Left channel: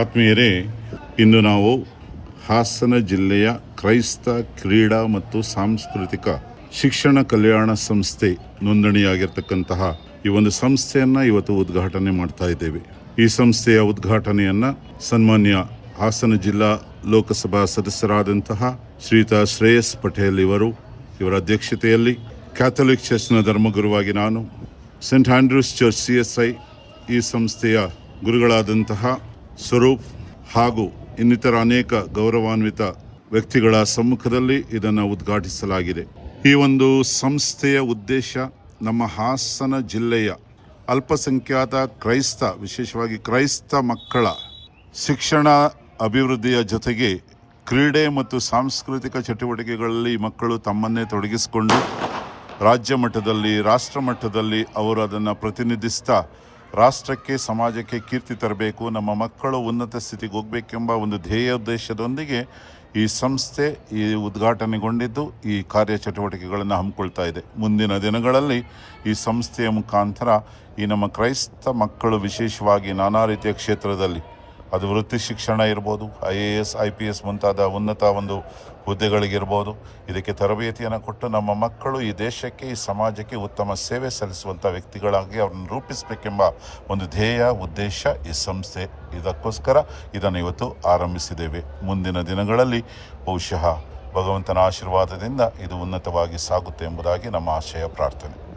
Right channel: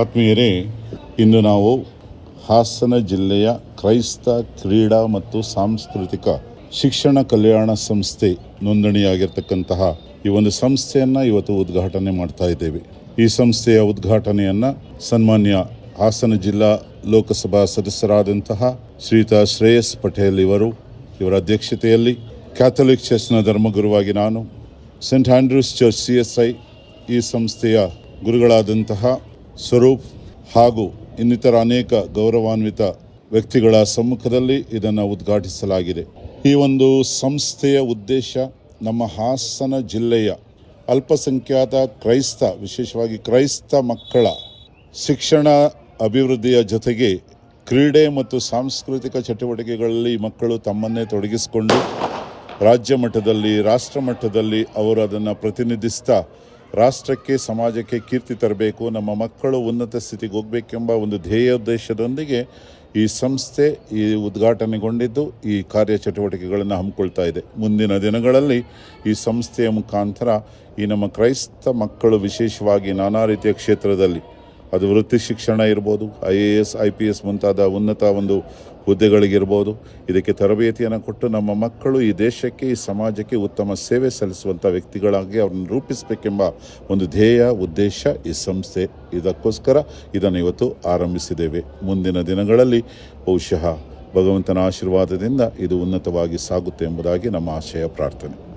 ಆತ್ಮೀಯರೇ, ಇಂದು ನಾವು ಹಾಸನ ಜಿಲ್ಲೆಯ ಕ್ರೈಸ್ತ ಕ್ರೀಡಾ ಮತ್ತು ಸಾಂಸ್ಕೃತಿಕ ಶಿಕ್ಷಣ ಕಲ್ಯಾಣ ಸಂಸ್ಥೆ ನೋಂದಣಿಯಾಗಿರ್ತಕ್ಕಂತಹ ಈ ಒಂದು ಸಂಸ್ಥೆಯನ್ನು ಇವತ್ತು ಉದ್ಘಾಟನೆ ಮಾಡ್ತಾ ಇದ್ದೇವೆ. ಈ ಸಂಸ್ಥೆಯ ಉದ್ಘಾಟನೆಯನ್ನು ಸನ್ಮಾನ್ಯ ಹಾಸನ ಜಿಲ್ಲಾ ಲೋಕಸಭಾ ಸದಸ್ಯರಾದಂತಹ ಶ್ರೀತಾ ಶ್ರೇಯಸ್ ಪಟೇಲ್ ಇವರು, ಇವರ ಅಧ್ಯಕ್ಷತೆಯಲ್ಲಿ ಕ್ಯಾಥೋಲಿಕ್ ಚರ್ಚ್ನ ಧರ್ಮಗುರುವಾಗಿ ನಾನು, saint Andrew's church C S I ಈ ಸಂಸ್ಥೆಯ ಗುರುಗಳಾದಂತಹ ಸ್ವರೂಪ್ ಹಾಗೂ ಇನ್ನಿತರ ಅನೇಕ ಗೌರವಾನ್ವಿತ ವ್ಯಕ್ತಿಗಳ ಸಮ್ಮುಖದಲ್ಲಿ ಇದನ್ನು ಉದ್ಘಾಟಿಸಲಾಗಿದೆ. ಈ ಒಂದು ಸಂಸ್ಥೆಯ ಉದ್ದೇಶ ನಮ್ಮ ಹಾಸನ ಜಿಲ್ಲೆಯ ಅಲ್ಪಸಂಖ್ಯಾತ ಕ್ರೈಸ್ತ, ವಿಶೇಷವಾಗಿ ಕ್ರೈಸ್ತ ಮಕ್ಕಳ ಶಿಕ್ಷಣ ಅಭಿವೃದ್ಧಿಯ ಜೊತೆಗೆ ಕ್ರೀಡೆ ಮತ್ತು ಸಾಂಸ್ಕೃತಿಕ ಚಟುವಟಿಕೆಗಳಲ್ಲಿ ಮಕ್ಕಳು ತಮ್ಮನ್ನೇ ತೊಡಗಿಸಿಕೊಂಡು ರಾಜ್ಯ ಮಟ್ಟದಲ್ಲಿ, ರಾಷ್ಟ್ರ ಮಟ್ಟದಲ್ಲಿ ಅವರು ಅದನ್ನು ಪ್ರತಿನಿಧಿಸ್ತಾ ರಾಷ್ಟ್ರಕ್ಕೆ, ಸಮಾಜಕ್ಕೆ ಕೀರ್ತಿ ತರಬೇಕು, ನಮ್ಮ ಮಕ್ಕಳು ಉನ್ನತ ಸ್ಥಿತಿಗೆ ಹೋಗಬೇಕೆಂಬ ಒಂದು ಧ್ಯೇಯೋದ್ದೇಶದೊಂದಿಗೆ ಈ ಸಂಸ್ಥೆ ಈ ಉದ್ಘಾಟನೆಗೊಂಡಿದ್ದು, ಈ ಕಾರ್ಯ ಚಟುವಟಿಕೆಗಳನ್ನು ಹಮ್ಮಿಕೊಳ್ತಾ ಇದೆ. ಮುಂದಿನ ದಿನಗಳಲ್ಲಿ ಈ ಸಂಸ್ಥೆಯ ಮುಖಾಂತರ ಈ ನಮ್ಮ ಕ್ರೈಸ್ತ ಮಕ್ಕಳು ವಿಶೇಷವಾಗಿ ನಾನಾ ರೀತಿಯ ಕ್ಷೇತ್ರದಲ್ಲಿ, ಅದು ವೃತ್ತಿ ಶಿಕ್ಷಣ ಇರ್ಬೋದು, I A S, I P S ಮುಂತಾದ ಉನ್ನತ ಒಂದು ಹುದ್ದೆಗಳಿಗಿರ್ಬೋದು. ಇದಕ್ಕೆ ತರಬೇತಿಯನ್ನು ಕೊಟ್ಟು ನಮ್ಮ ಮಕ್ಕಳು ಈ ದೇಶಕ್ಕೆ, ಈ ಸಮಾಜಕ್ಕೆ ಉತ್ತಮ ಸೇವೆ ಸಲ್ಲಿಸುವಂಥ ವ್ಯಕ್ತಿಗಳಾಗಿ ಅವ್ರನ್ನ ರೂಪಿಸಬೇಕೆಂಬ ಒಂದು ಧ್ಯೇಯ, ಉದ್ದೇಶ ಈ ಸಂಸ್ಥೆ. ಇದಕ್ಕೋಸ್ಕರ ಇದನ್ನು ಇವತ್ತು ಆರಂಭಿಸಿದ್ದೇವೆ. ಮುಂದಿನ ದಿನಗಳಲ್ಲಿ ಬಹುಶಃ ಭಗವಂತನ ಆಶೀರ್ವಾದದಿಂದ ಇದು ಉನ್ನತವಾಗಿ ಸಾಗುತ್ತೆ ಎಂಬುದಾಗಿ ನಮ್ಮ ಆಶಯ, ಪ್ರಾರ್ಥನೆ.